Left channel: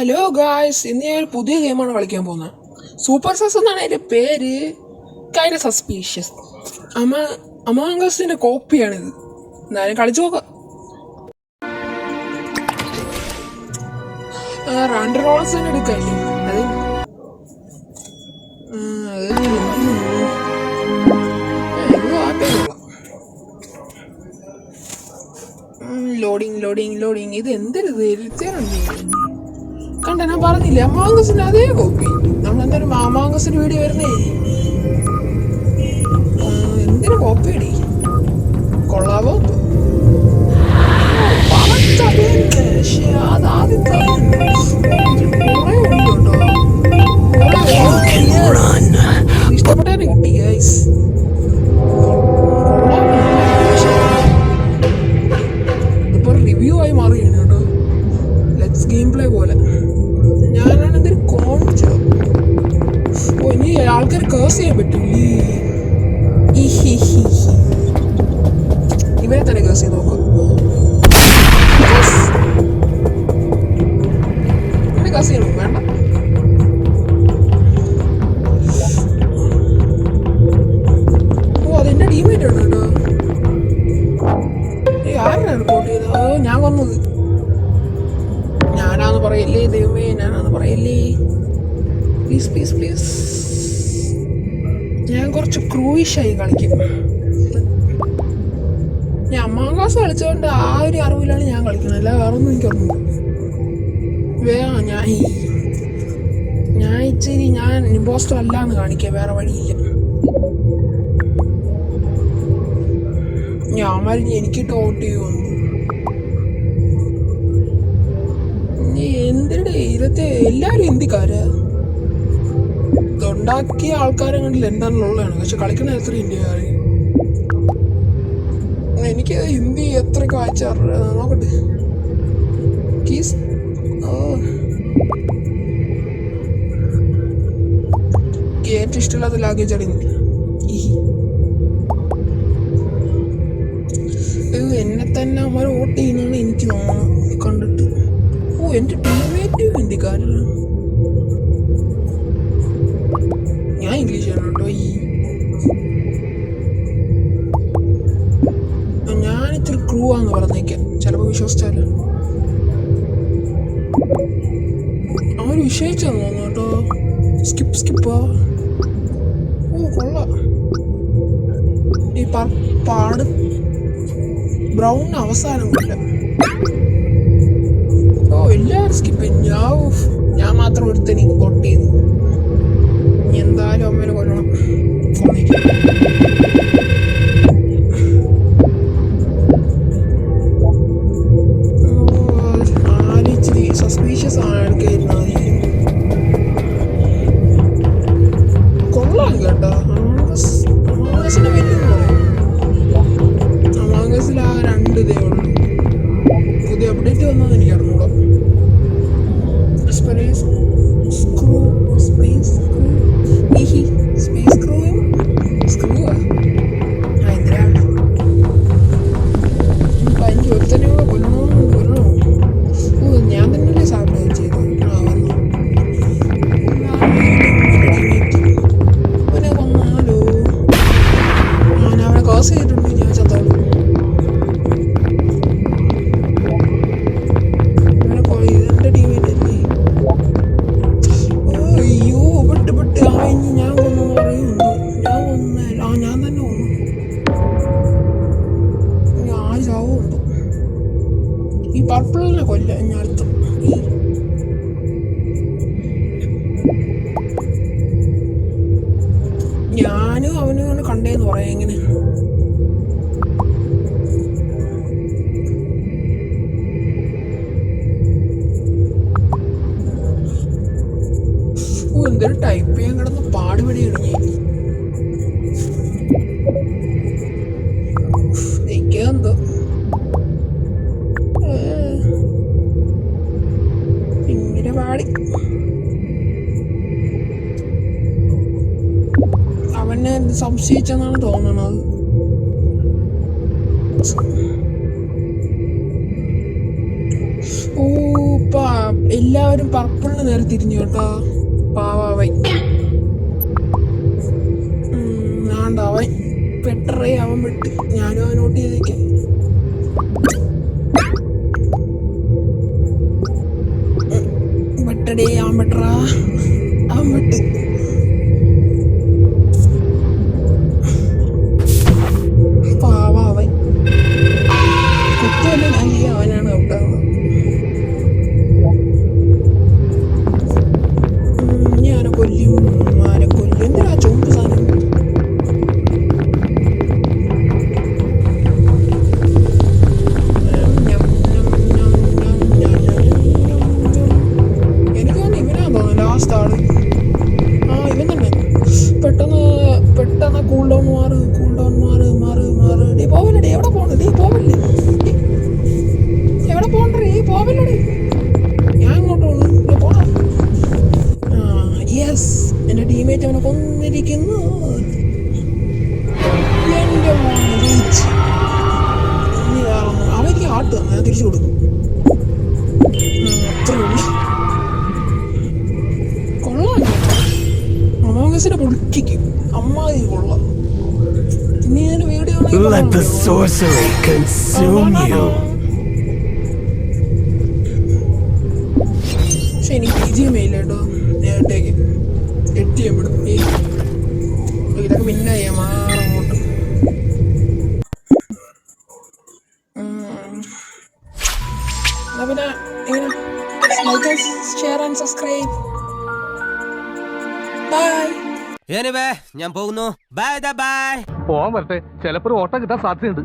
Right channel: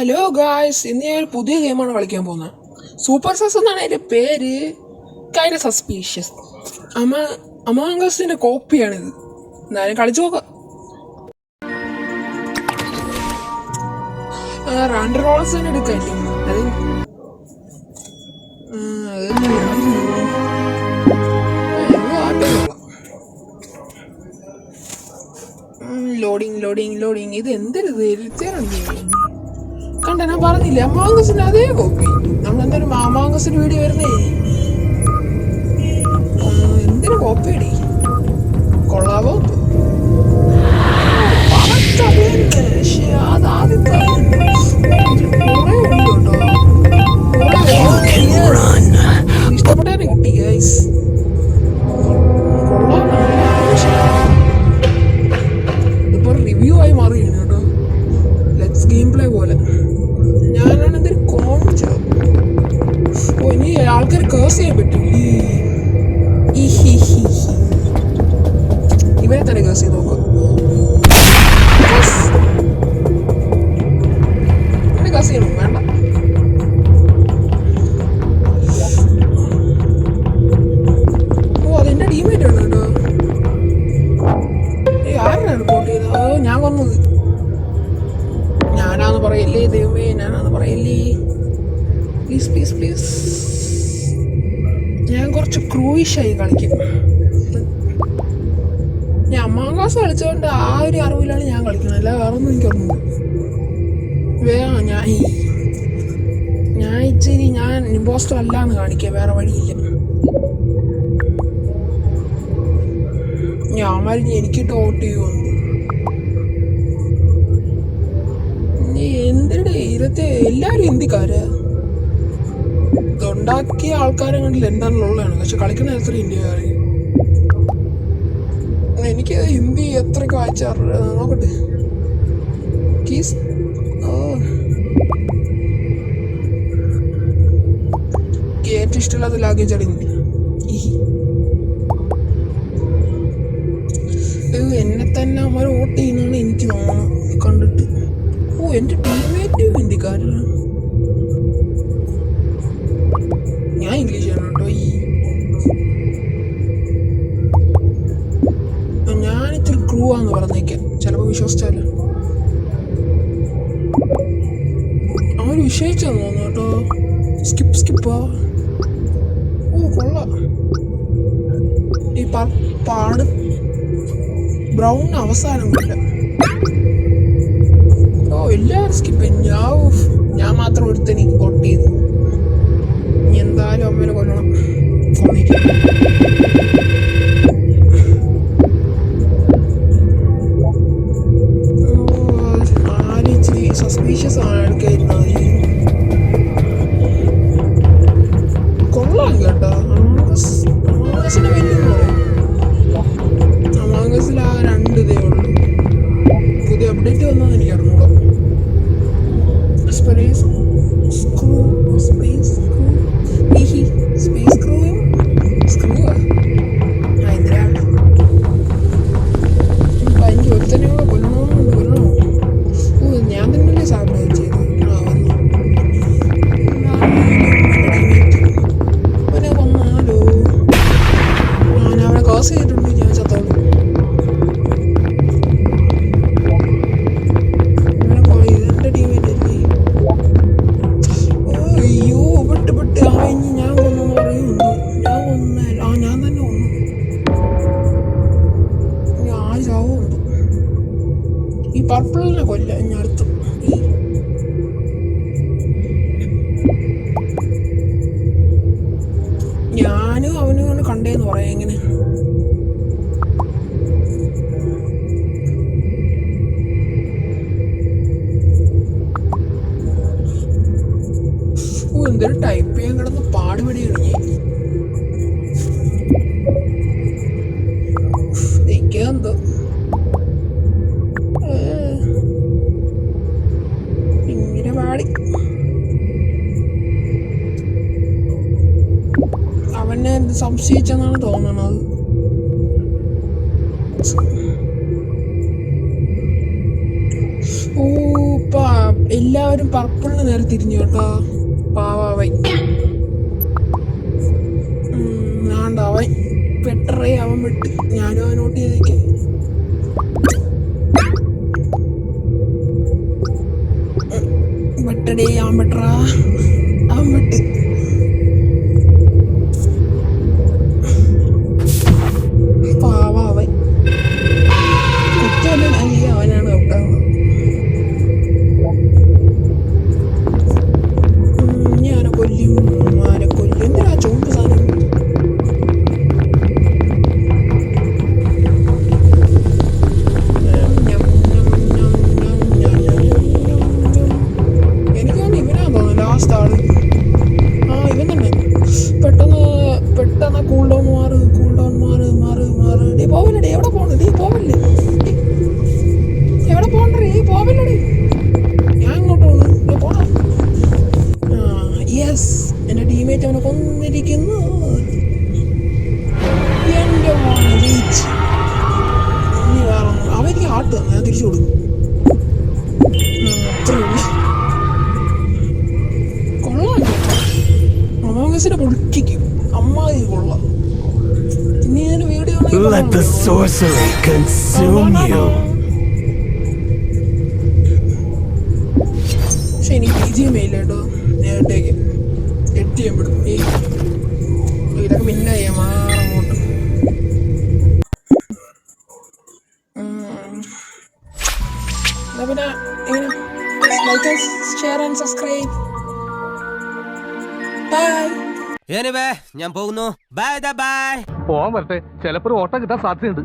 Hello guys, ഇന്ന് ഞാൻ ഒരു പുതിയ ഗെയിമാണ് കളിക്കാൻ പോകുന്നത്. സൂപ്പർ സസ് എന്നാണ് അതിൻ്റെ പേര്. Kind suspicious. അമാങ്കസിൻ്റെ കോപ്പിയാണിത്. എന്നാലും കളിച്ചു നോക്കാം. റൺ റോൾസ് തന്നെ എടുക്കല്ലേ അത്. ലോഡിങ് ഇത് എന്തൊരു ഇരുത്തേറുണ്ട്. കണ്ട, ഞാൻ പറഞ്ഞില്ലേ അമാങ്കസിന്റെ അതേ കോപ്പി. നമ്മളെന്തായാലും അമാങ്കസിന്റെ വീഡിയോ വരുന്നേ. എന്തിനു കോപ്പി അടി കൊള്ളാവോ? ഇഷ്ടപ്പെട്ടാണ് കിട്ടി ഗൈസ്. ഇതിപ്പോ റിവ്യൂ ആയി മാറിയാണ് കേട്ടോ. ലെറ്റ്സ് ഗെയിം പ്ലേ പോലെ. ഞാനാണ് എന്തൊരു കോണിച്ചോ. ഇനി ആൾക്കാർ കേസ് ചെയ്യാൻ പറ്റില്ലേ? ഇവരെ തന്നെ കേസ് ചെയ്ത് നോക്കാം. ഇവനെ കേസ് ചെയ്യണോ? വേണ്ട. അതെന്റെ ടീമേറ്റ് ആണ് കേട്ടോ. ആരാണ് റിപ്പോർട്ട് ചെയ്തത്? ഞാൻ കൊന്നത്. ഞാനാന്ന് പറയല്ലേ ദൈവമേ, ഞാനാന്ന് പറയല്ലേ. പ്ലീസ്. ഞാൻ കുറച്ച് ക്രൂയിഷായി കളിക്കും. ഞാൻ അമാങ്കാസ് കളിച്ചതുകൊണ്ട് ആ ഒരു അറിവിലാണ് ഞാൻ കളിക്കുന്നത്. അല്ല വേറൊന്നും എനിക്കൊന്നും ഞാൻ ഇമ്പോസ്റ്റർ അല്ലാന്ന് കാണിക്കുക. വേറെ വഴിയില്ല. ഞാൻ മരിഞ്ഞ് എനിക്കിട്ട് വോട്ട് ചെയ്യുമെന്ന്. എന്തിടെ ഇരത്തെ എല്ലാവരും ഹിന്ദിക്കാരാ. ഇതുണ്ടാക്കിയ ആൾക്കാരെ കണ്ടില്ല എന്താണുള്ളതാണ്. പക്ഷെ കളിക്കണ എത്ര ഇന്ത്യക്കാർ. എനിക്ക് ഹിന്ദി എത്രയൊക്കെ വായിച്ചാറ് നോക്കട്ടെ. ഏറ്റവും ഇഷ്ടമില്ലാത്ത ലാംഗ്വേജ് ആണ് ഹിന്ദി. എന്നെ തന്നെ അവന്മാർ വോട്ട് ചെയ്യുന്നതാണ് എനിക്ക് തോന്നുന്നു കണ്ടിട്ട്. എൻ്റെ ടീമേറ്റ് ഹിന്ദിക്കാരനാണ്. ഞാൻ ഇംഗ്ലീഷാണ് കേട്ടോ. ഞാനിത്തിരി ക്രൂ ആന്ന് പറഞ്ഞേക്കാം. ചിലപ്പോൾ വിശ്വസിച്ചാലോ. അവർ വിഷയിച്ചെന്ന് തോന്നുന്നു കേട്ടോ. സ്കിപ്പാ. കൊള്ളാം. ഈ പാട് ബ്രൗൺ അവസാനമില്ല. എല്ലാവരും സ്കിപ്പ്. ഞാൻ മാത്രം ഒരുത്തനി വോട്ട് ചെയ്തു. ഇനി എന്തായാലും അമ്മേനെ കൊല്ലണം. ആരിച്ചിരി സസ്പീഷ്യസ് ആൾക്കായിരുന്നു. കൊള്ളാം കേട്ടോ. അമാങ്കസിന്റെ വലിയെന്ന് പറയും. അമാങ്കസിൽ ആ 2 ഇതേ ഉള്ളൂ. പുതിയ അപ്ഡേറ്റ് വന്നതെന്ന് എനിക്ക് അറിഞ്ഞൂടാ. സ്പേസ് സ്ക്രൂവാ. എന്തിനാണ് എനിക്ക് ഒരുത്തന്നെ കൊല്ലണോ? ഞാൻ തന്നെയല്ലേ സാബിനായി ചെയ്തു. അവനെ കൊന്നാലോ? ഞാൻ അവനെ കോസ് ചെയ്തിട്ടുണ്ട്. ഞാൻ ചത്തോളൂ. ഇതെന്റെ ടീമേറ്റ് അല്ലേ? അയ്യോ പെട്ട് ഞാൻ കൊന്നു പറയുന്നു. ഞാൻ തന്നെ കൊന്നു. ഞാൻ ചാവുണ്ട്. ഈ പർപ്പിളിനെ കൊല്ല ഞാൻ അടുത്ത്. ഞാനും അവനും കണ്ടേന്ന് പറയാം. എങ്ങനെ എന്തൊരു ടൈപ്പ് ചെയ്യാൻ കിടന്ന് പാടുപെടിയാണ് ഞാൻ. എന്തോ ഇങ്ങനെ പാടി. അവനെ സംശയിച്ചെന്നാണ് തോന്നണത്. എല്ലാവരും പർപ്പിളിന് നേരെ തിരിഞ്ഞു കേട്ടോ. പാവാവൻ അവൻ പെട്ടറേ, അവൻ വിട്ട്. ഞാനും അവൻ നോട്ട് ചെയ്തേക്കാം. വെട്ടടേ, അവൻ വെട്ടറാ, അവൻ വെട്ട്. പാവാവൻ കുറ്റമല്ല ഞാൻ ചെയ്യാം, അവനാണ് ഔട്ടാവുക. ഞാനെ കൊല്ലും, ആരെ കൊല്ലും. എന്തിനാ ചുവപ്പ് സാധനം? എനിക്ക് തോന്നുന്നു ഇവനാന്ന് തോന്നുന്നു ലാസ്റ്റ് ആള്. ആ ഇവൻ തന്നെ. പെട്ടെന്ന് കൂൾ ഡൗൺ മാറ്. ഡേ പോവല്ലേ, എവിടെ പോണ്? ഡേ പോവല്ലേ, എവിടെ പോണ്ടേ? പോവല്ലേ, ഞാൻ ഇങ്ങോട്ട് പോണു. പോണ. യെസ്, എൻ്റെ ടീമേറ്റ് അവനെ കൊന്നിരിക്കുന്നു. എൻ്റെ മോനെ ജയിച്ച്. ഇനി വേറെ അവർക്ക് ഹാർട്ട് തന്നെ ഞാൻ തിരിച്ചു കൊടുക്കും. അത്രേ ഉള്ളു. കൊള്ളാം, അമോഗസിനെ പൊളിക്കും. അമ്മായി കൊള്ളാം. ഇനി ഞാൻ വീഡിയോ പക്ഷെ എനിക്ക് BGM ഇല്ല കേട്ടോ. നേരത്തേക്ക് എഡിറ്റ് ചെയ്യാൻ വിടും. ഇതൊക്കെ പിന്നെ ചെയ്യാം, മാറങ്ങോട്ട്. എന്നാ പിന്നെ എങ്ങനെ like, share and subscribe. Bye. ഞാൻ പോകുന്നു. Bye bye. പോവാൻ വരട്ടെ, ചിലപ്പോ ഒരു ഓട്ടം കിട്ടാൻ സാധ്യതയുണ്ട്.